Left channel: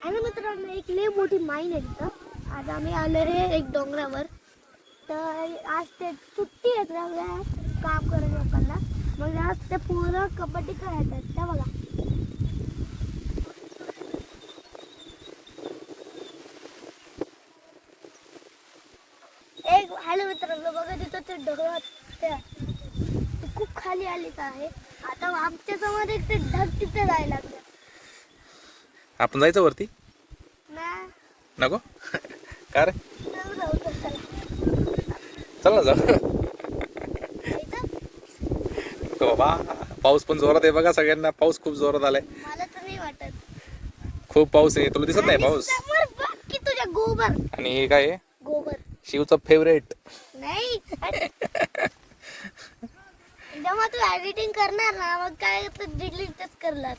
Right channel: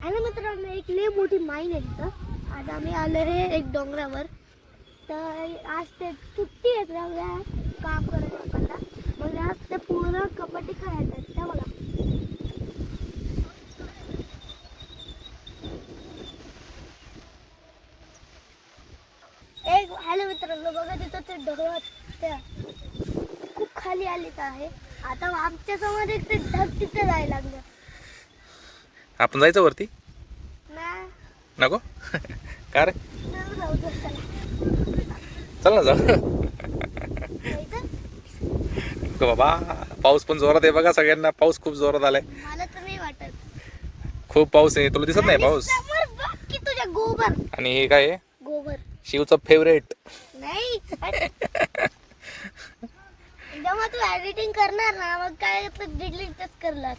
आणि मित्रांनो एक लय मोठी माईन आहे तिथं. आज आम्ही आलो रे एक डोंगरावर. तर आज ते सुट्टी आहेत सगळ्या काम करत लोकांना. मग आज ते पूर्ण कबड्डी खेळायचं आहेत त्या बघा. एक हॅलो मित्रांनो बघा तिथं ते ढगात त्या खूप खाली आलेच आहे. आता आमच्यासमोर एक ते ढग तिथे जायला लागलं. आपण जायचं वरती? नको? का रे? चला. ना जाऊ. बाबा पाऊस पण जोरात आहे बघा सगळ्यांना. पाऊस खूप जोरात आलाय. खूप पाऊस आहे. तुला दिसत नाही पाऊस? आणि हे काय आहे? गोबर. शिवचं फेवरेट नाही. जेव्हा तू एडिटिंग करणार ना मग काय डिलीटच करणार.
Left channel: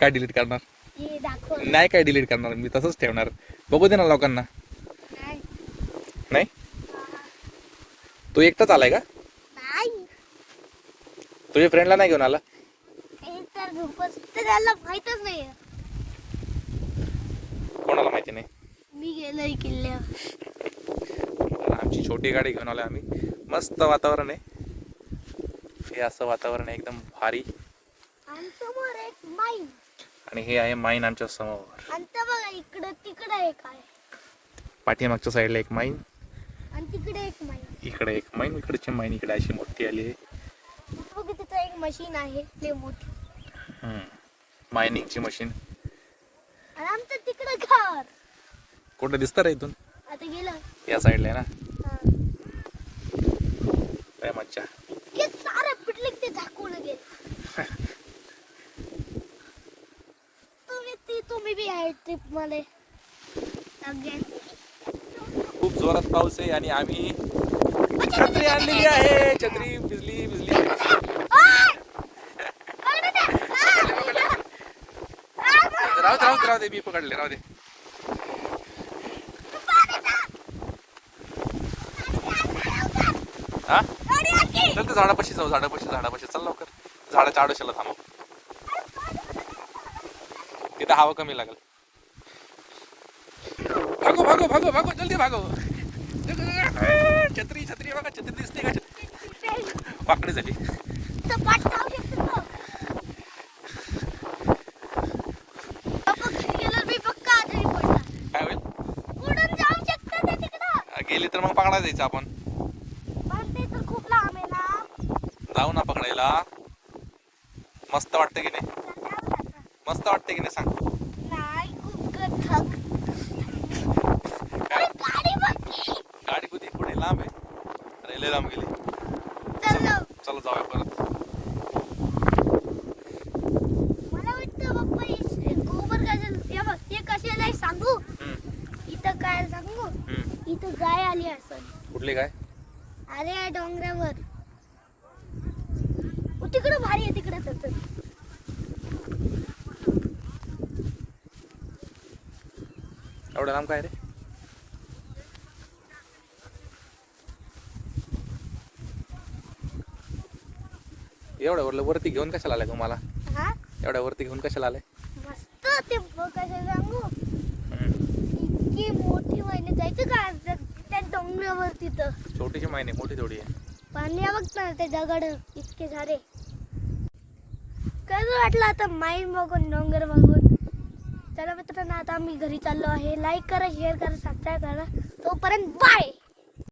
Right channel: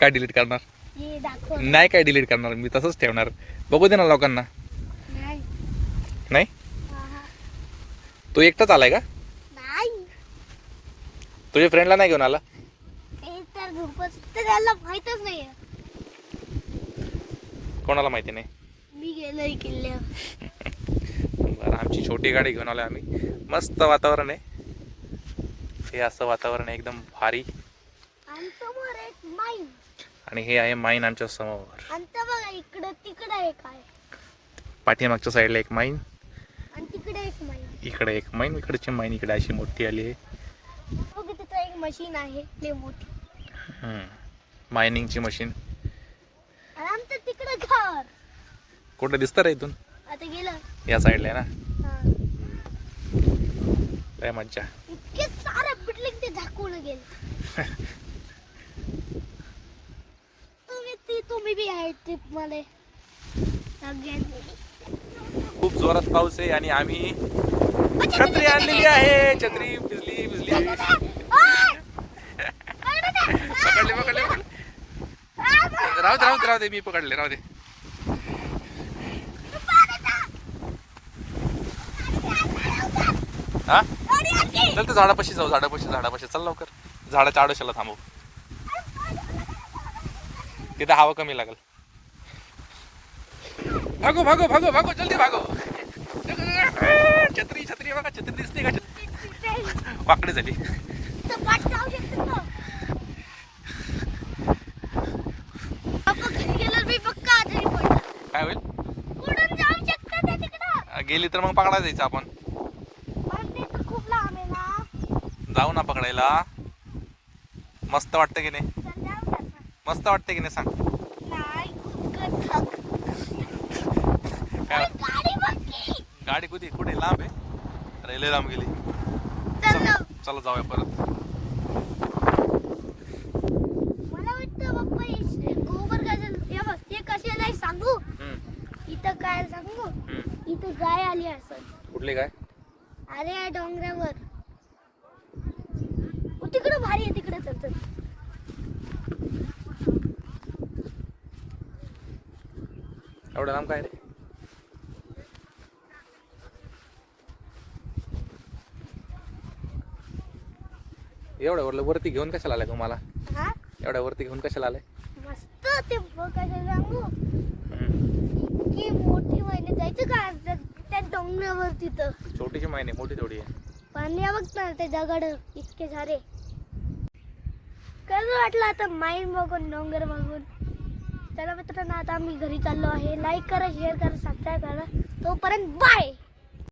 काय डिलीट करणार? नाही काय डिलीट करणार मी तसंच ठेवणार. बघू दे ना लोकांना. नाही. तू एकटाच आलाय का? तुझ्या फ्रेंडला नाही घेऊन आला? माहितच नाही कोणाला माहिती नाही? मी गेलोय किल्ल्यावर. आमची छोटी गाडी घेऊन आलोय आम्ही. मस्त वातावरण आहे. हे असं वातावरण आहे एकदम भारी. आणि हे आहे माईन आमच्यासमोर. आणि त्या बघा इकडं तिकडं एक आहे. पाठीमागच्या साईडला एक माईन आणि तिकडे एक माईन. इकडे एक माईन इकडची माईन इकडे अशी मोठी आली आहे. बघ तिथं एक मशीन आहे लय मोठी. हम्म. मायनिंगची मशीन. आणि आमचं तिकडे घर. कुठं दिसतं रे इथून? आता गेलं. या साईडला आहे ना? हा. काय मज्जा. इतके सारे की ते झाकून गेले. तुम्ही बी आहे ट्रिपमध्ये खूप जोरात पाऊस आहे आणि आम्ही छत्री आणलेली आहे. छत्री भिजली भिजली. पकडले पकडले. राहू दे राहू दे राहू दे मी पकडले राहू दे. हा? चल ते झाडापाशी जाऊ झाडापाशी झाडापाशी. चल लवकर. झाडाच्या आडोशाला थांबव. तिथं हवा कमी लागेल. भागो भागो भागो भागो जल्दी भागो. छत्री छत्री बघा छत्री दिसते का? वाकडे झाली. काय होईल? गेली तर मग पकडा जायचं आपण. खूप लांब आहे ना जाऊ ना पकडायला. मस्त वाटतं की नाही? मस्त वाटतं की नाही सांग? काय? गाडी कुठे? कुठे? लांब आहे. रेल्वे लांब गेली. चल जाऊया परत. मला वाटतं बाप्पा हे गोबर हे बघ हे सांगू? इथं काय सांगू. इथं गाय आली असं कुठली काय अरे या डोंगरावर. तिकडं भारी आहे तिकडं. तर तर. एवढं लांब काय रे? एवढ्या वरलं वरती घेऊन कशाला आलाय तुम्हाला हा? एवढ्या वरती घेऊन कशाला आलाय? मस्त ते कसं सांगू. इतकी मोठी महिने जायचं का आज? त्या डोंगरावर तिथं छोटीशी माहिती मोठी थोडी आहे. पाणी बघ ना ते दगड इतके सारे. कसं वाटलं आता माईन बघून डोंगर बघून? चला मित्रांनो आता आम्ही घरी चाललो आहे. लाईक करा शेअर करा सबस्क्राईब करा. तोपर्यंत बाय